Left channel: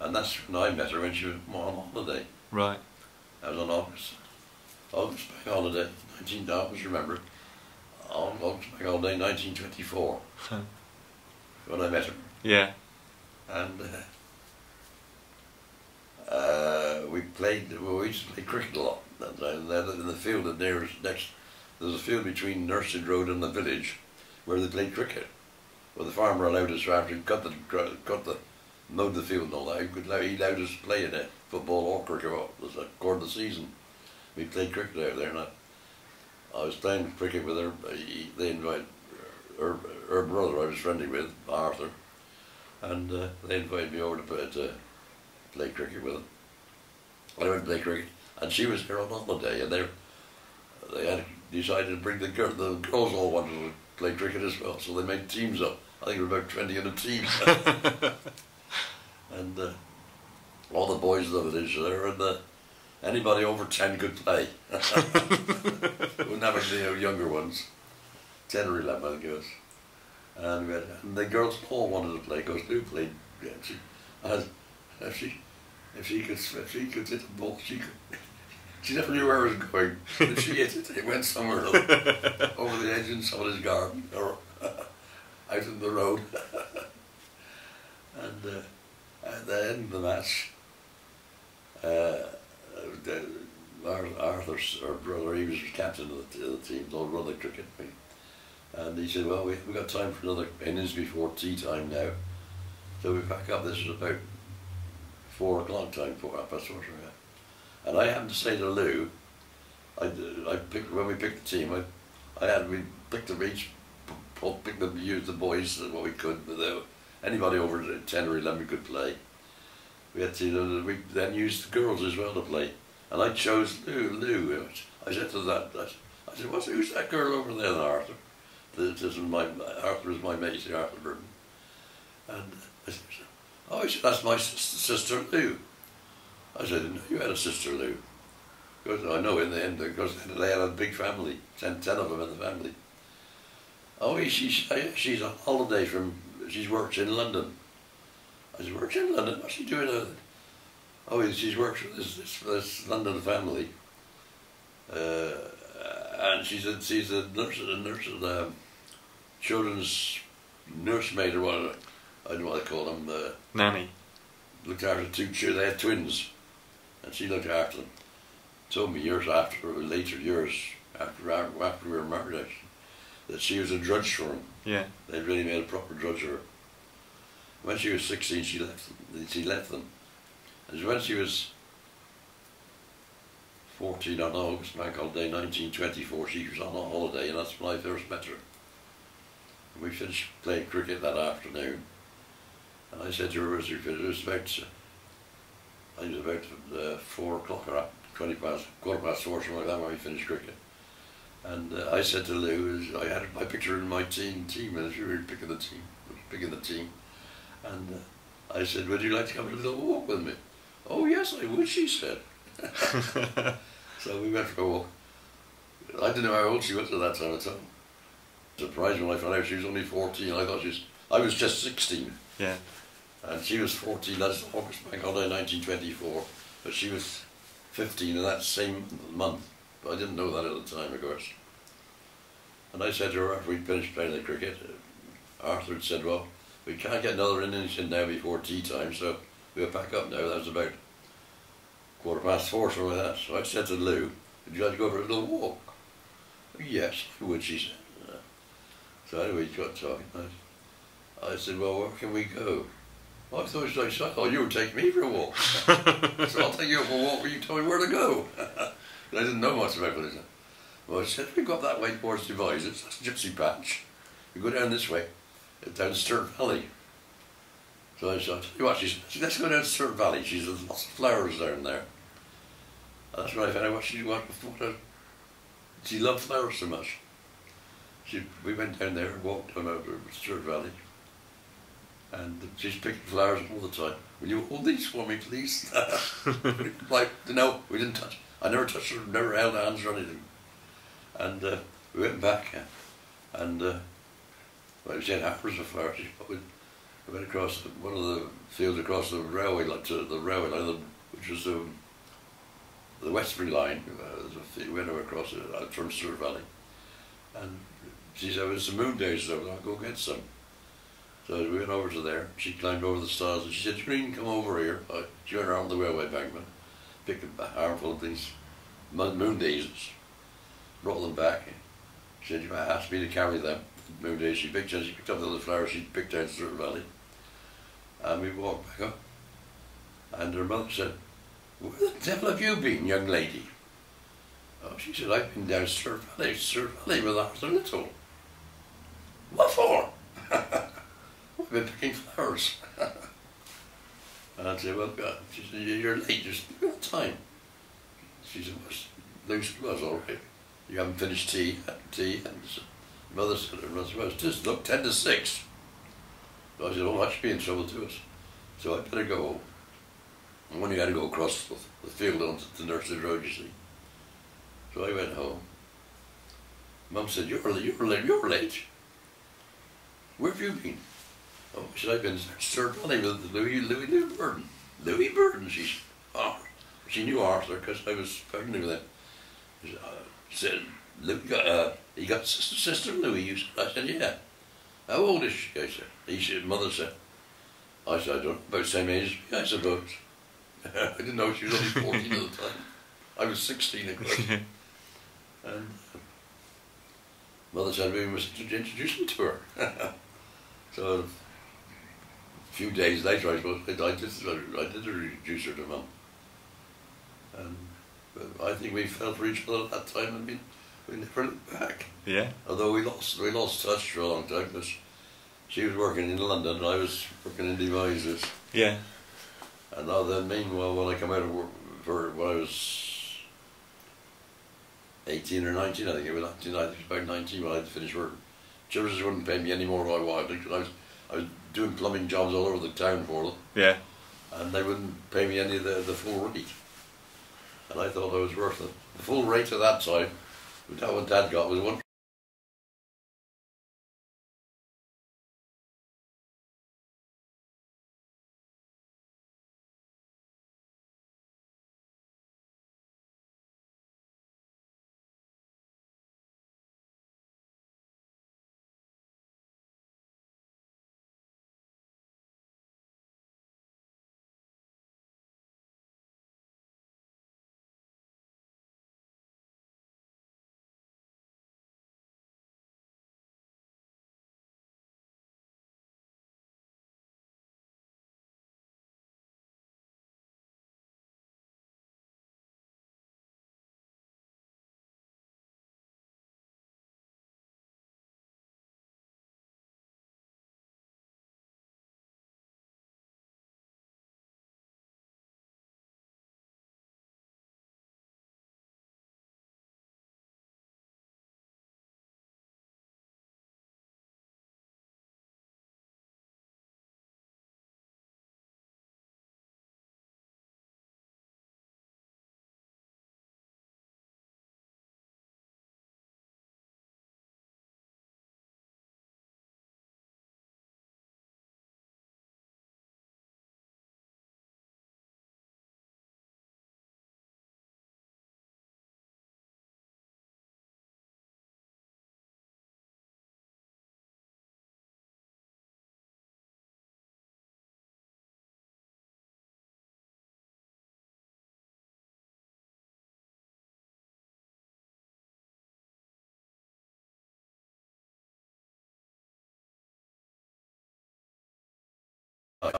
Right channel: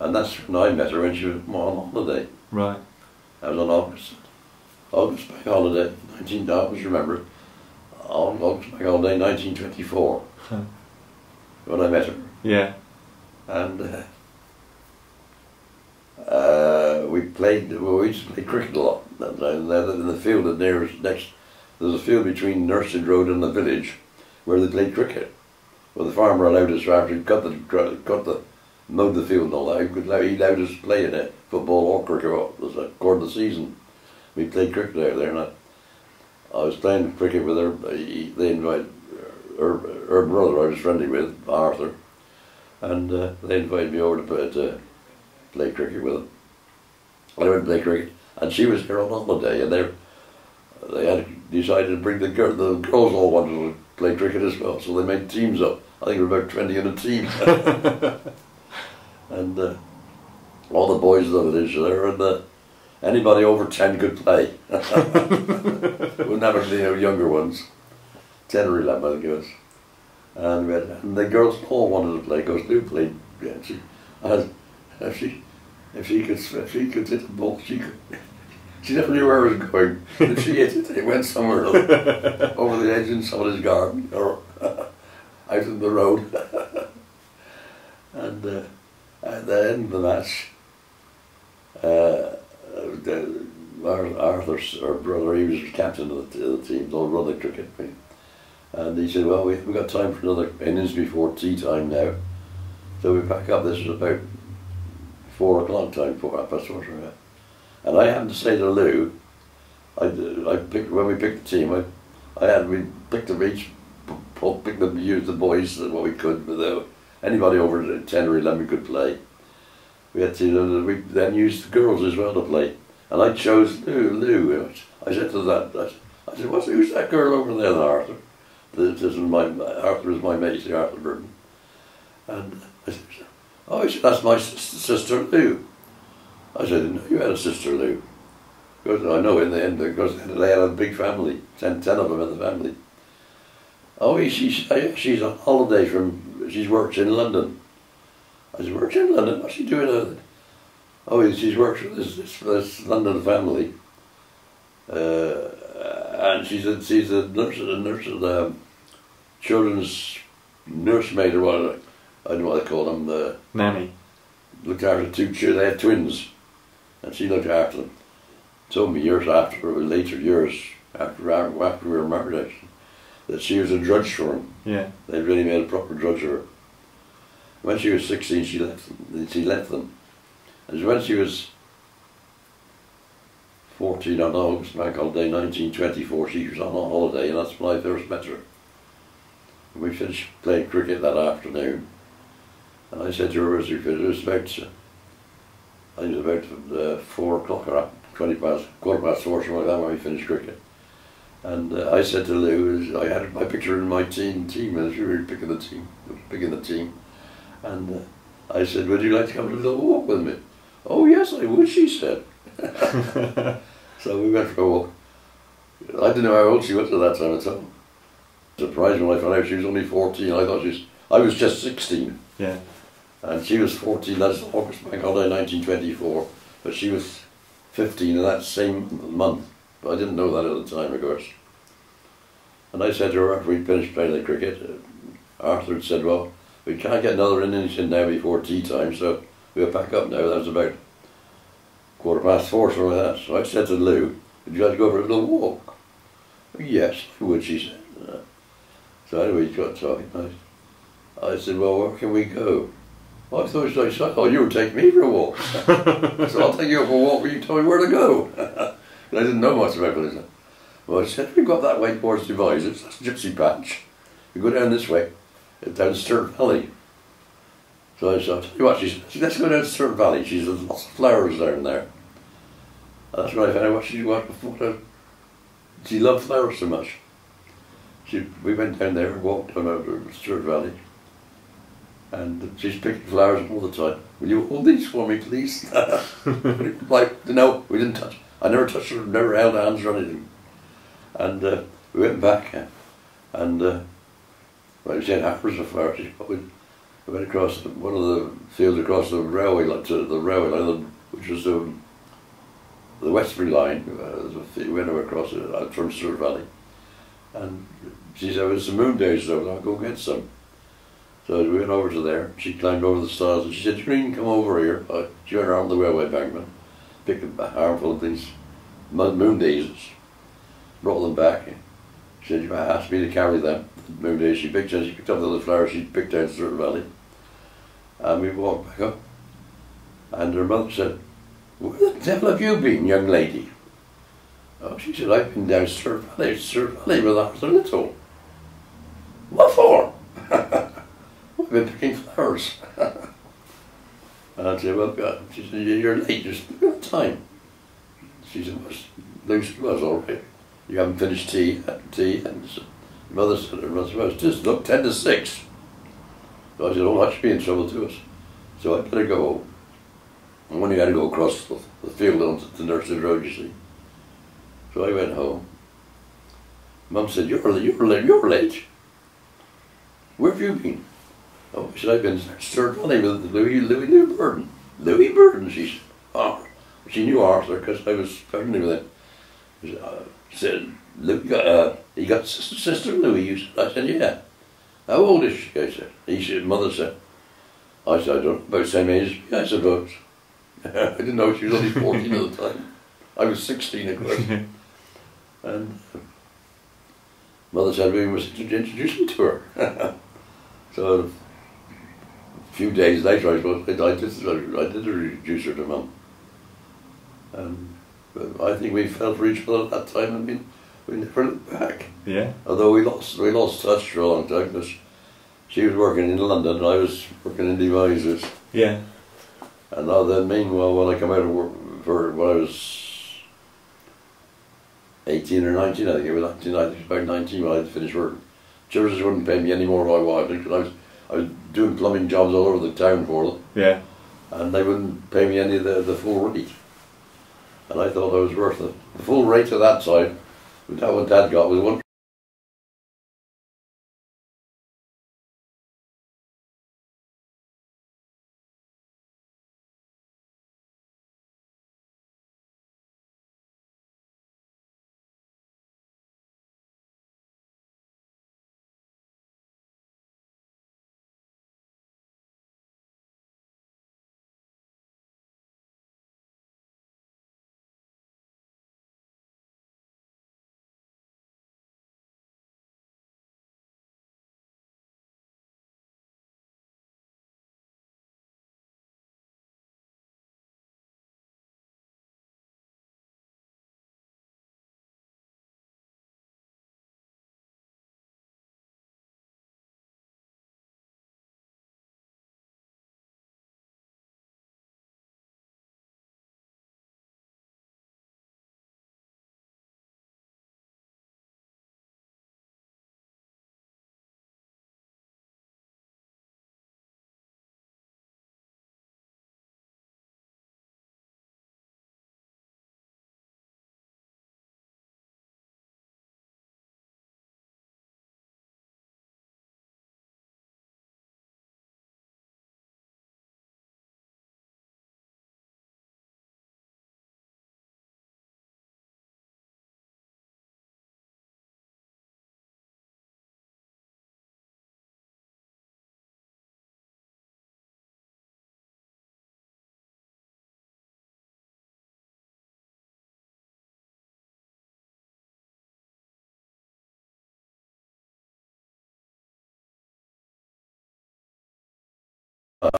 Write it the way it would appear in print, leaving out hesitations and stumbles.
And that's when I met her when she was on holiday. Right. I was on August bank holiday, I always remember it. August bank holiday, 1924, when I met her. Yeah. And we used to play cricket a lot. In the field that next, there's a field between Nursteed Road and the village where they played cricket. Well, the farmer allowed us, after he mowed the field and all that, he allowed us to play in it, football or cricket, according to the season. We played cricket out there, and I was playing cricket with her. They invited her brother I was friendly with, Arthur, and they invited me over to play cricket with them. I went to play cricket, and she was here on holiday, and they had decided to bring the girls all wanted to play cricket as well, so they made teams up. I think there were about 20 in a team. And all the boys of the village there, and anybody over 10 could play. Wouldn't have any younger ones. 10 or 11, I think it was. And the girls all wanted to play, because Lou played. Yeah, if she could hit the ball, she could. She never knew where it was going. If she hit it, it went somewhere else, over the edge in somebody's garden or out in the road. And at the end of the match, Arthur's our brother, he was captain of the team, they'll run the cricket. And he said, well, we've got time for another innings before tea time now. So we pack up. This was about 4 o'clock time, 4:30. And I happened to say to Lou, when we picked the team, we picked them each, used the boys what we could, without anybody over 10 or 11 could play. We had to, we then used the girls as well to play. And I chose Lou. I said to that, I said, who's that girl over there, Arthur? Arthur is my mate, Arthur Burden. And I said, oh, he said, that's my sister Lou. I said, I didn't know you had a sister Lou. Because I know in the end, because they had a big family, 10 of them in the family. Oh, she's on holiday she works in London. I said, works in London? What's she doing? Oh, she's works for this London family. And she's a nurse, children's nursemaid or whatever. I don't know what they call them. Nanny. Looked after 2 children. They had twins, and she looked after them. Told me years after, later years after we were married, actually, that she was a drudge for them. Yeah. They really made a proper drudge of her. When she was 16, she left them. And when she was 14 on August bank holiday 1924, she was on a holiday, and that's when I first met her. And we finished playing cricket that afternoon, and I said to her as we finished, it was about, I think it was about 4 o'clock or 4:15, something like that, when we finished cricket. And I said to Lou, I had my picture in my team, and she was picking the team, and I said, would you like to come for a little walk with me? Oh yes, I would, she said. So we went for a walk. I didn't know how old she was at that time at all. Surprised when I found out she was only 14. I was just 16. Yeah. And she was 14, that's August bank holiday 1924. But she was 15 in that same month. But I didn't know that at the time, of course. And I said to her after we finished playing the cricket, Arthur had said, well, we can't get another innings in now before tea time, so we'll pack up now. That was about 4:15, something like that. So I said to Lou, would you like to go for a little walk? Yes, I would, she said. So anyway, we got talking. I said, well, where can we go? Well, I thought you would take me for a walk. So I'll take you for a walk where you tell me where to go. I didn't know much about it. Well, I said, we got that way towards Devizes, that's Gypsy Patch. We go down this way, down Sturt Valley. So I said, I'll tell you what, she said, let's go down to Sturt Valley. She said, there's lots of flowers down there. And that's when I found out she loved flowers so much. We went down there and walked down over Sturt Valley. And she's picking flowers all the time. Will you hold these for me, please? Like, no, we didn't touch. I never touched her, never held hands or anything. And we went back, and well, she had hours of flowers. I went across one of the fields across the railway line, to the railway line, which was the Westbury line. We went across it out from Sturt Valley. And she said, there's some moon days though, I'll go get some. So we went over to there, she climbed over the stairs and she said, Green, come over here. She went around the railway embankment, picked a armful of these moon daisies, brought them back. She said, you asked me to carry them, moon daisies. She picked up the little flowers she picked down Sturt Valley. And we walked back up. And her mother said, where the devil have you been, young lady? Oh, she said, I've been down Sturt Valley with Arthur Little. What for? I've been picking flowers. And I said, well, God. She said, you're late, just look at the time. She said, it was all right. You haven't finished tea. And mother said, well, it's just, look, 10 to 6. So I said, oh, that should be in trouble to us. So I better go home. And when you had to go across the field onto the Nursteed Road, you see. So I went home. Mum said, you're late. Where have you been? Oh, she said, I've been Sturt Valley with Louie Burden. Louie Burden, she said. Oh, she knew Arthur because I was friendly with him. She said, you got sister Louie? You said. I said, yeah. How old is she? I said. Mother said. I said, I don't know, about the same age as me, I suppose. I didn't know she was only 14 at the time. I was 16, of course. And Mother said we must introduce me to her. So a few days later, I suppose, I did introduce her to Mum. And I think we fell for each other at that time. I mean, we never looked back. Yeah. Although we lost touch for a long time because she was working in London and I was working in Devizes. Yeah. And now then, meanwhile, when I come out of work, when I was 18 or 19, I think it was 19, I think it was about 19 when I finished work. Children wouldn't pay me any more than I wanted because I was doing plumbing jobs all over the town for them. Yeah. And they wouldn't pay me any of the full rate. And I thought I was worth it. The full rate at that time, what Dad got was one